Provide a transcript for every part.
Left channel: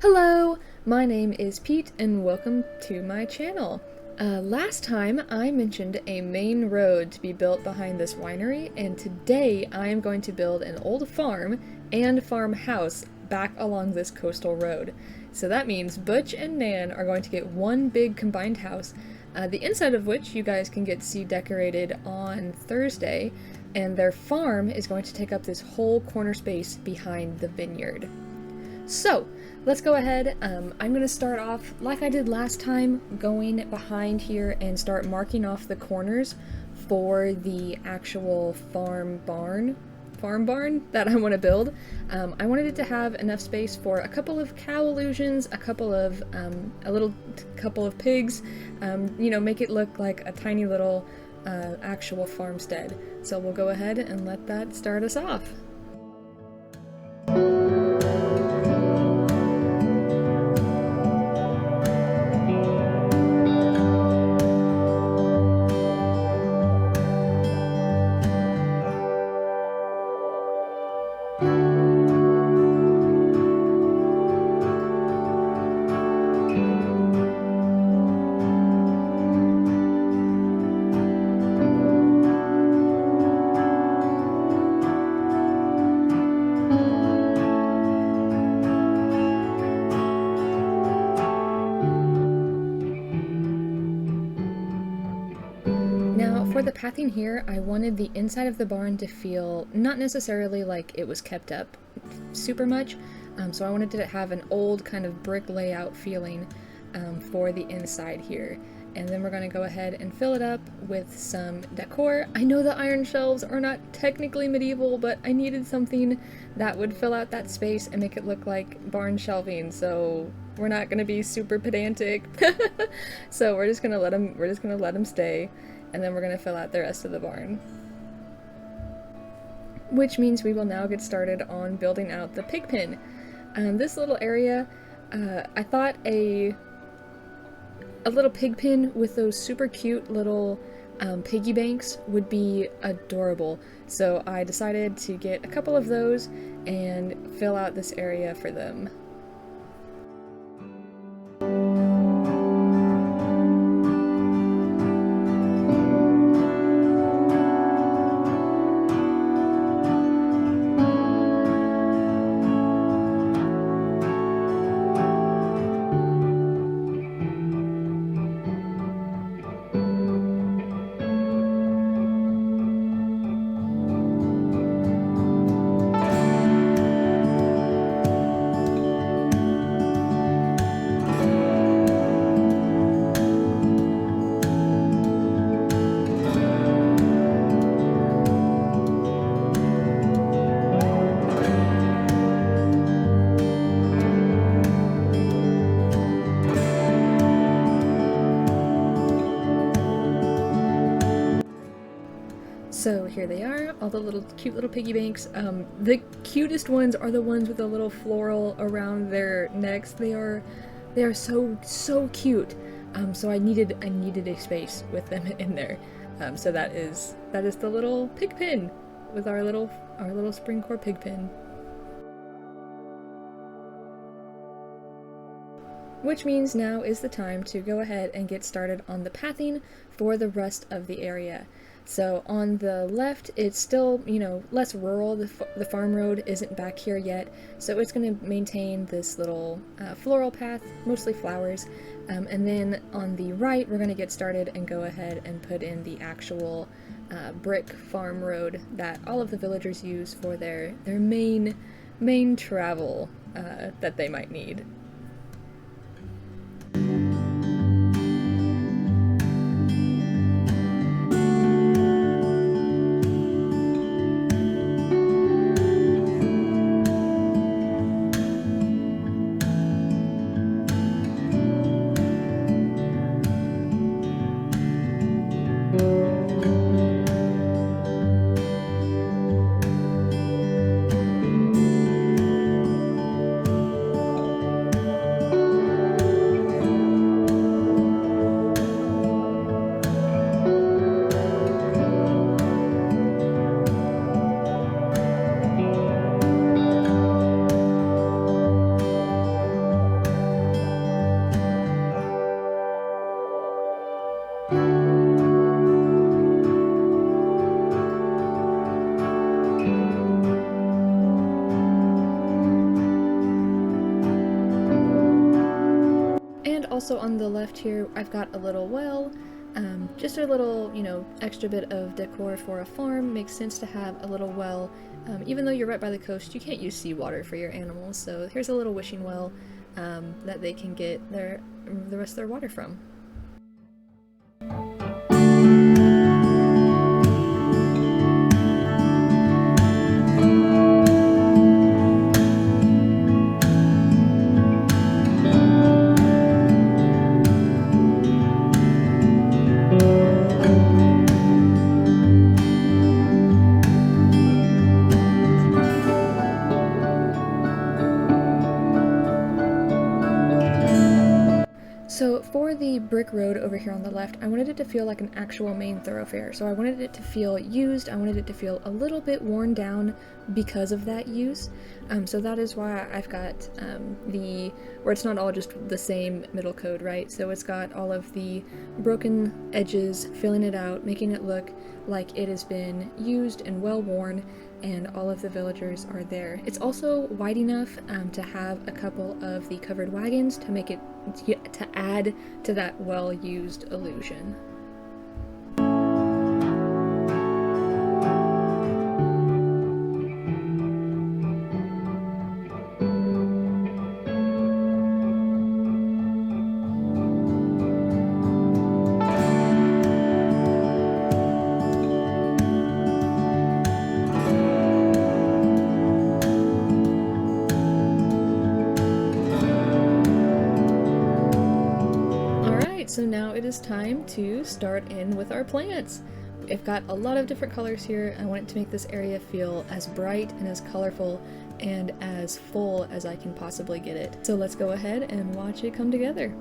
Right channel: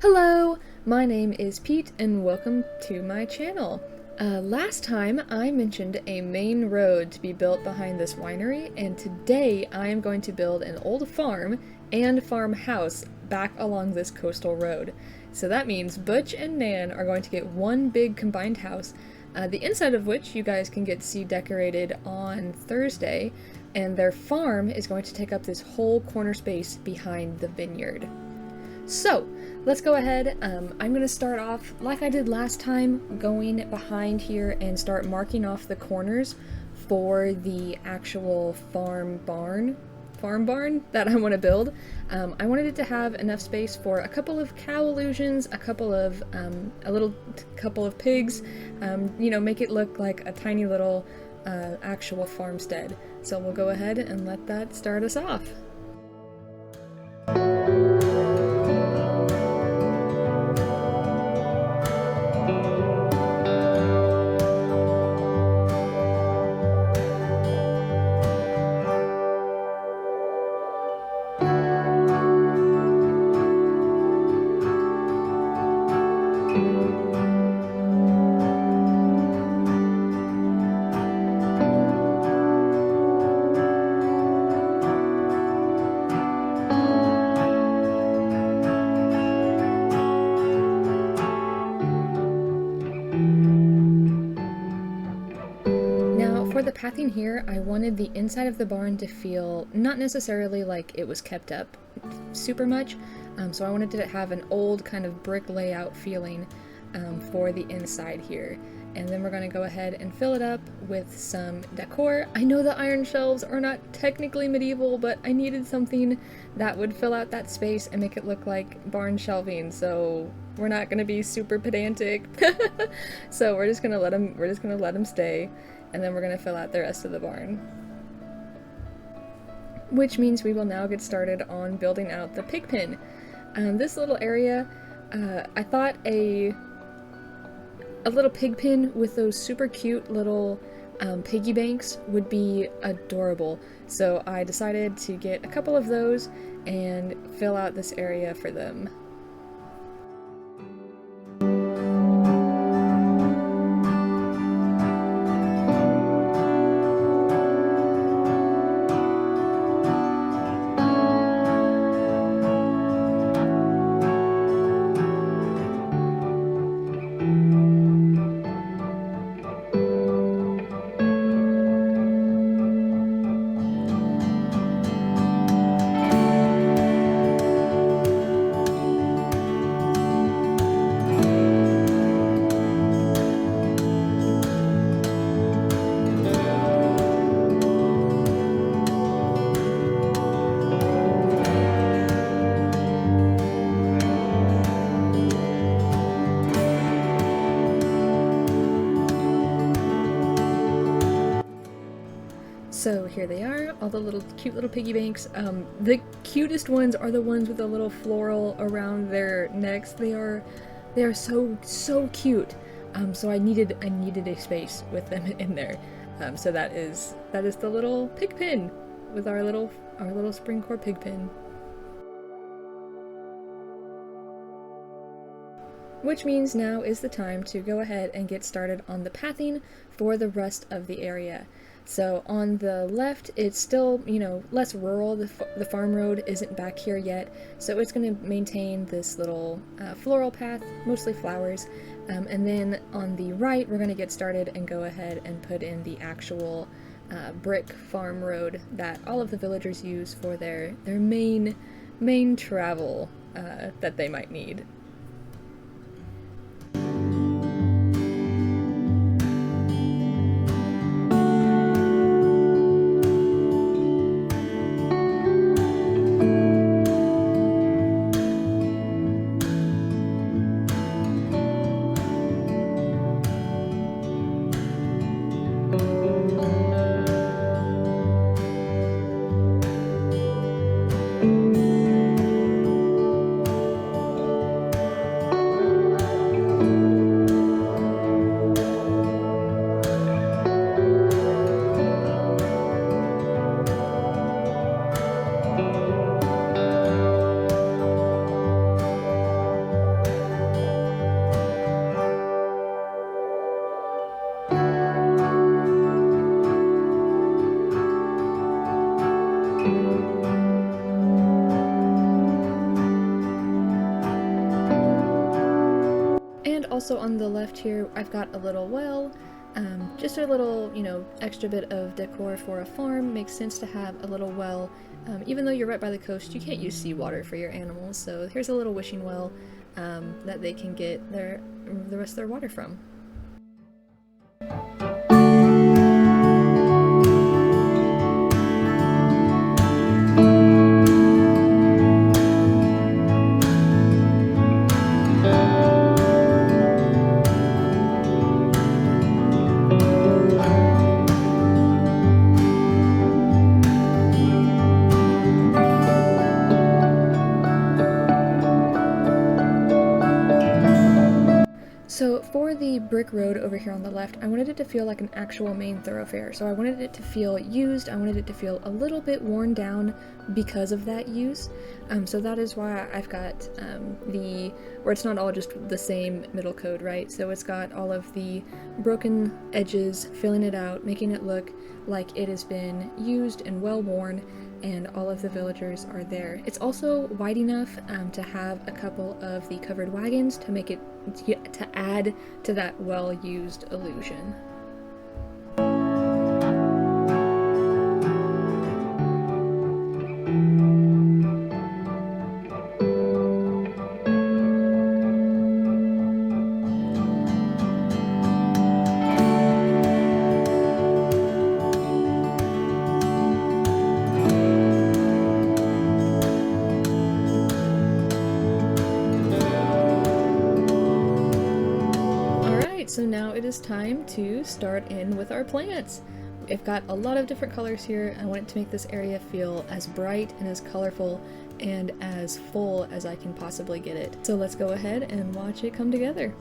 Hello, my name is Pete and welcome to my channel. Last time I mentioned a main road to be built behind this winery, and today I am going to build an old farm and farmhouse back along this coastal road. So that means Butch and Nan are going to get one big combined house, the inside of which you guys can get to see decorated on Thursday, and their farm is going to take up this whole corner space behind the vineyard. So, let's go ahead. I'm going to start off like I did last time, going behind here and start marking off the corners for the actual farm barn that I want to build. I wanted it to have enough space for a couple of cow illusions, a couple of pigs, make it look like a tiny little actual farmstead. So we'll go ahead and let that start us off. Now, for the pathing here, I wanted the inside of the barn to feel not necessarily like it was kept up super much, so I wanted to have an old kind of brick layout feeling for the inside here. And then we're going to go ahead and fill it up with some decor. I know the iron shelves are not technically medieval, but I needed something that would fill out that space and make it look like barn shelving, so we're not going to be super pedantic. So we're just going to let them stay. And then we're going to fill out the rest of the barn. Which means we will now get started on building out the pig pen. This little area, I thought a little pig pen with those super cute little piggy banks would be adorable. So I decided to get a couple of those and fill out this area for them. So here they are, all the cute little piggy banks. The cutest ones are the ones with the little floral around their necks. They are so cute. So I needed a space with them in there. So that is the little pig pen with our little Springcore pig pen. Which means now is the time to go ahead and get started on the pathing for the rest of the area. So on the left, it's still, less rural. The farm road isn't back here yet, so it's going to maintain this little floral path, mostly flowers. And then on the right, we're going to get started and go ahead and put in the actual brick farm road that all of the villagers use for their main travel that they might need. Also on the left here, I've got a little well, just a little, you know, extra bit of decor for a farm. Makes sense to have a little well. Even though you're right by the coast, you can't use seawater for your animals, so here's a little wishing well that they can get the rest of their water from. So for the brick road over here on the left, I wanted it to feel like an actual main thoroughfare. So I wanted it to feel used, I wanted it to feel a little bit worn down because of that use. So that is why I've got where it's not all just the same middle code, right? So it's got all of the broken edges, filling it out, making it look like it has been used and well worn, and all of the villagers are there. It's also wide enough to have a couple of the covered wagons to make it, to add to that well-used illusion. So now it is time to start in with our plants. I've got a lot of different colors here. I want it to make this area feel as bright and as colorful and as full as I can possibly get it. So let's go ahead and watch it come together.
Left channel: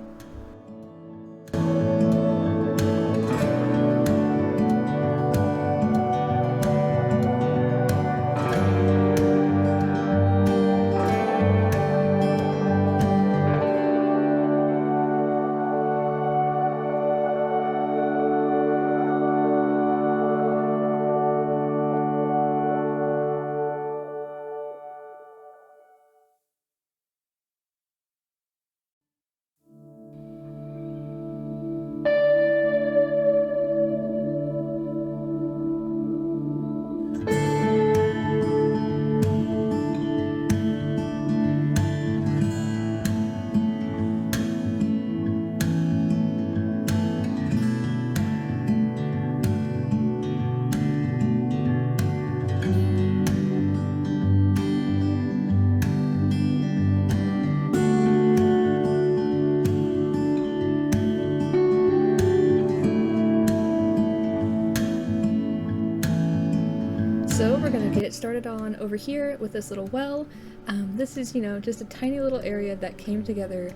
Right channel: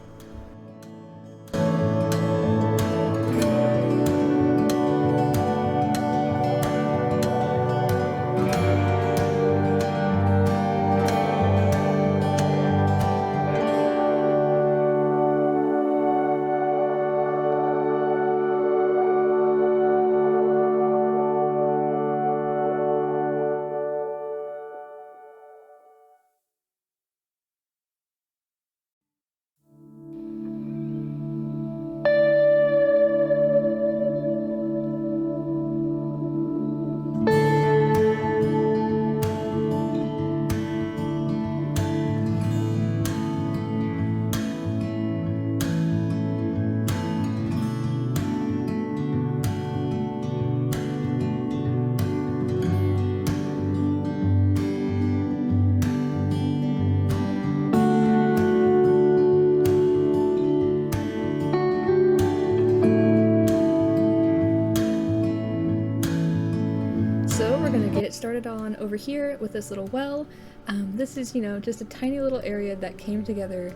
So we're gonna get it started on over here with this little well. This is, you know, just a tiny little area that came together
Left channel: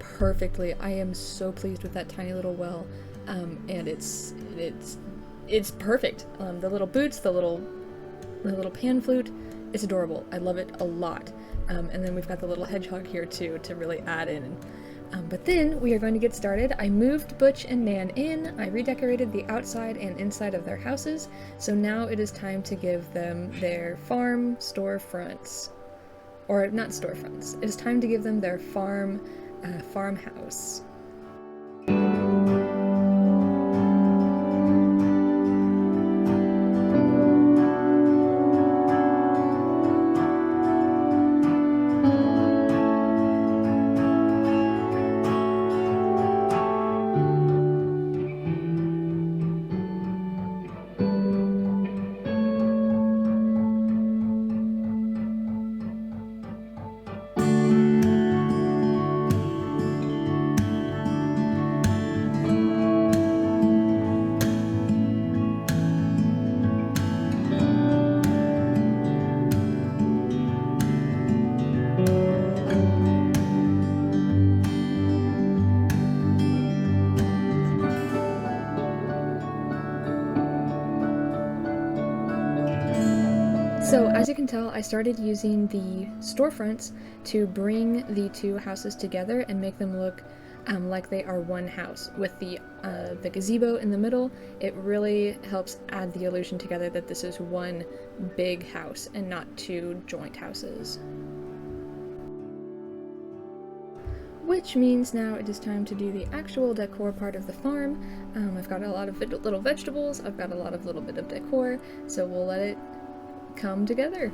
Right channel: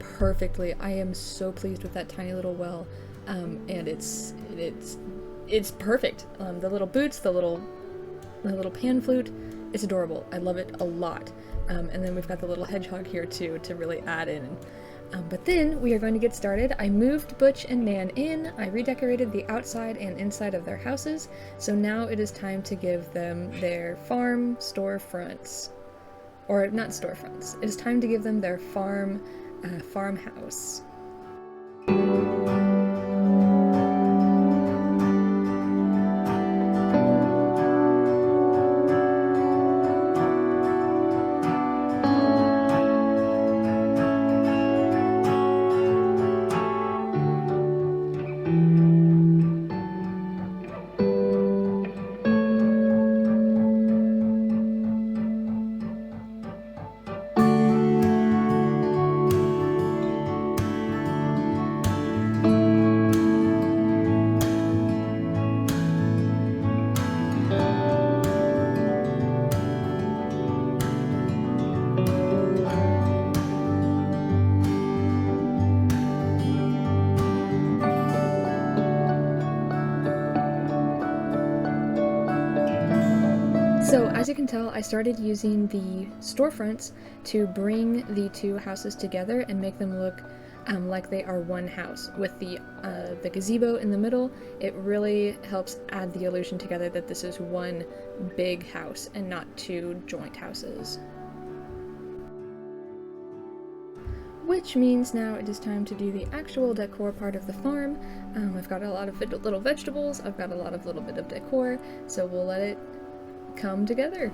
perfectly. I am so pleased with that tiny little well, and it's perfect. The little boots, the little pan flute, it's adorable. I love it a lot. And then we've got the little hedgehog here too to really add in. But then we are going to get started. I moved Butch and Nan in, I redecorated the outside and inside of their houses, so now it is time to give them their farm storefronts. Or not storefronts, it is time to give them their farmhouse. So as you can tell, I started using the storefronts to bring the two houses together and make them look like they are one house. With the gazebo in the middle, it really helps add the illusion together that this is one big house and not two joint houses. which means now it is time to do the actual decor part of the farm. I've got a lot of little vegetables, I've got a lot of little bit of decor, so we'll let it come together.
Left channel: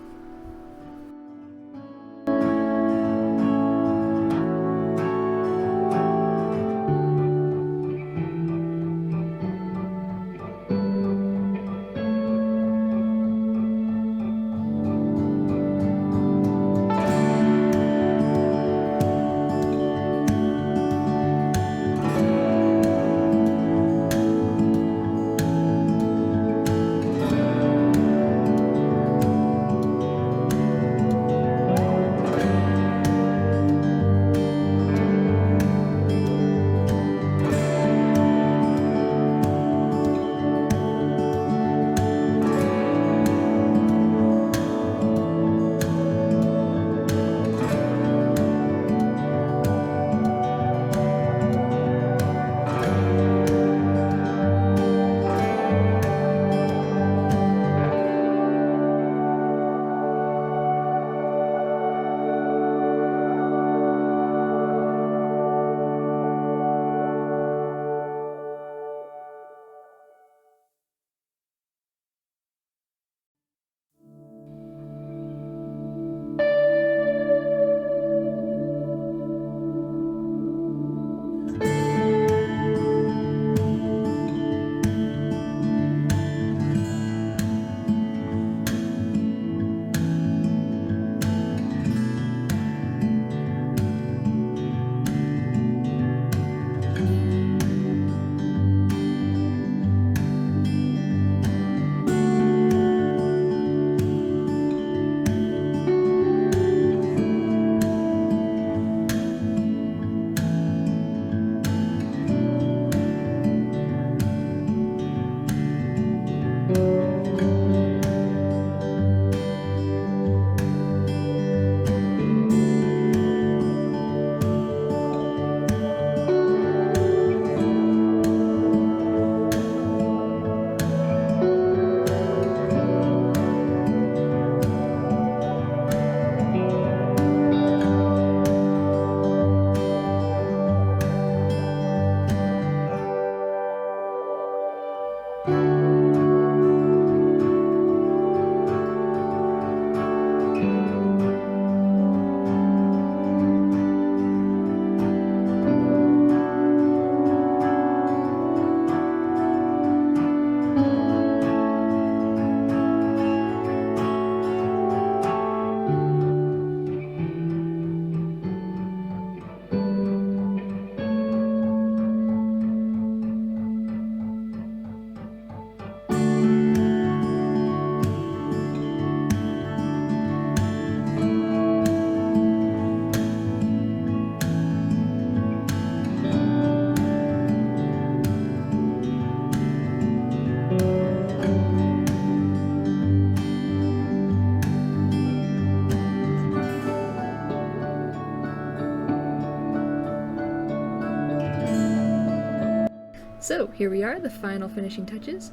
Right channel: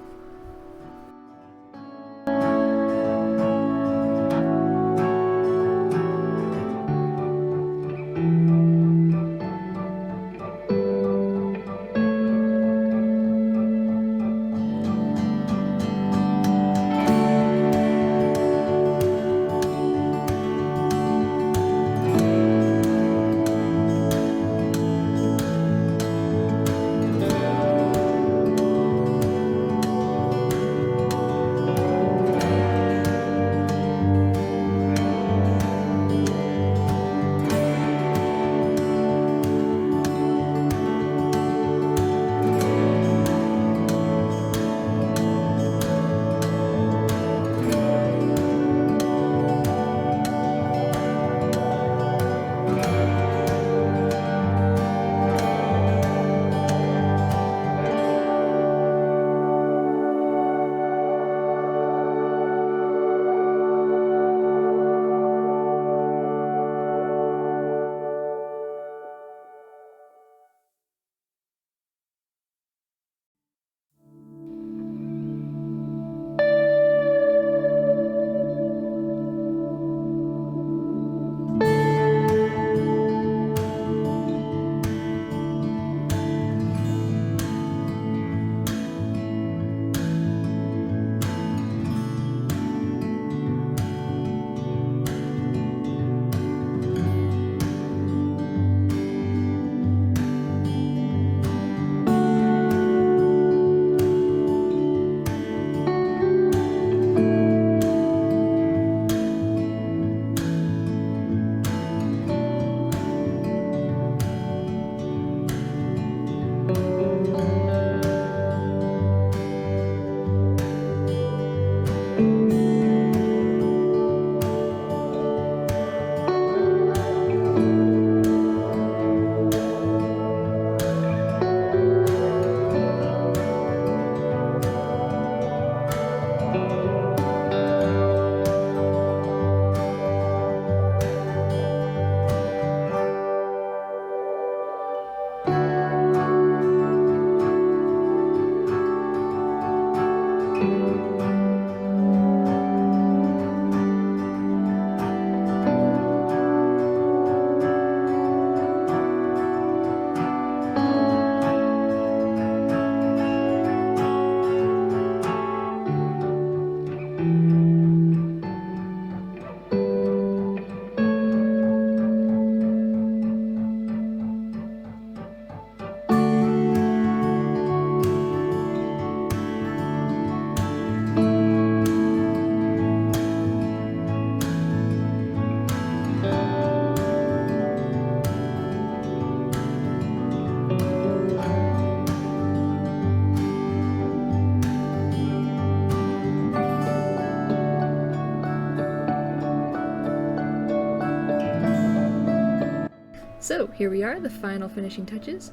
So here we are, the final finishing touches.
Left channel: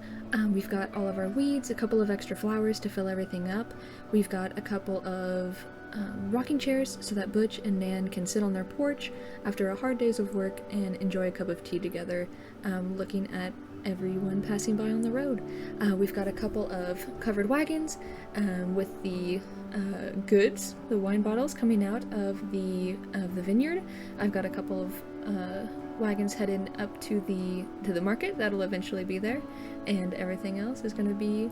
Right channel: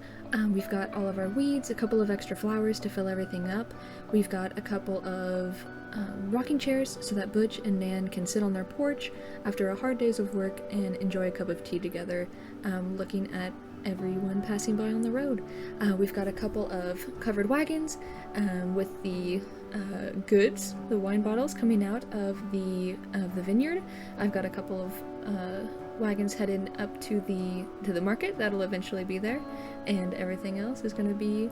We've got all of our weeds, a couple of extra flowers to fill everything up. We've got a couple of rocking chairs so that Butch and Nan can sit on their porch after a hard day's of work and enjoy a cup of tea together, looking at everyone passing by on the road. We've got a couple of covered wagons with the goods, the wine bottles coming out of the vineyard. I've got a couple of wagons headed up to the market that'll eventually be there, and everything else is going to be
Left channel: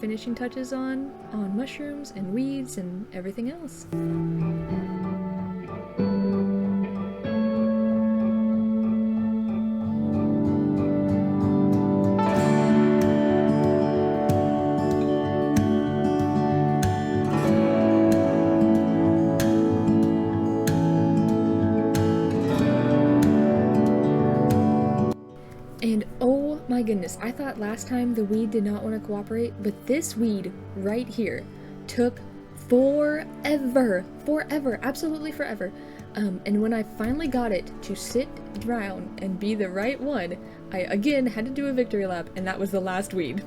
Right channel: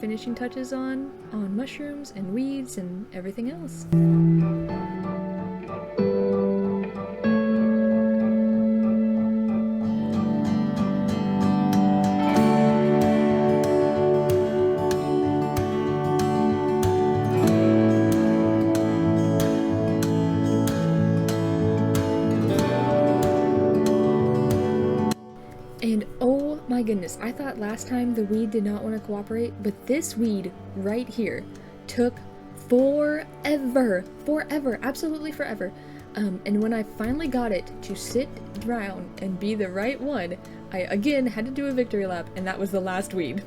finishing touches on mushrooms and weeds and everything else. And oh my goodness, I thought last time the weed did not want to cooperate, but this weed right here took forever, absolutely forever. And when I finally got it to sit down and be the right one, I again had to do a victory lap, and that was the last weed.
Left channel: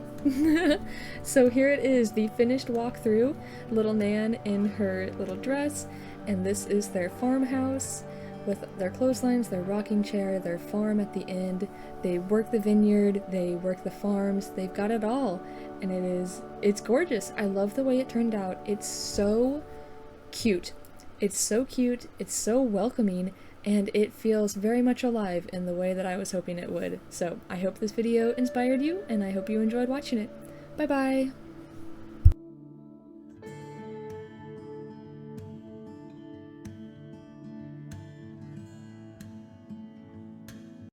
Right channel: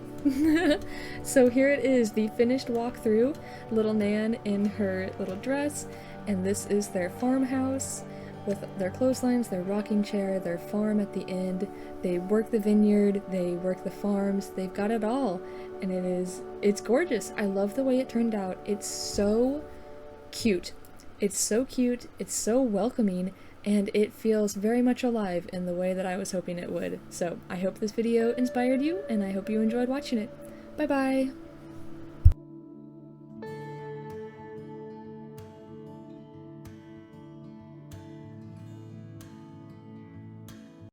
So here it is, the finished walkthrough. Little Nan in her little dress, and this is their farmhouse. with their clotheslines, their rocking chair, their farm at the end. They work the vineyard, they work the farms, they've got it all. And it's gorgeous. I love the way it turned out. It's so cute. It's so cute, it's so welcoming, and it feels very much alive in the way that I was hoping it would. So I hope this video inspired you, and I hope you enjoyed watching it. Bye bye!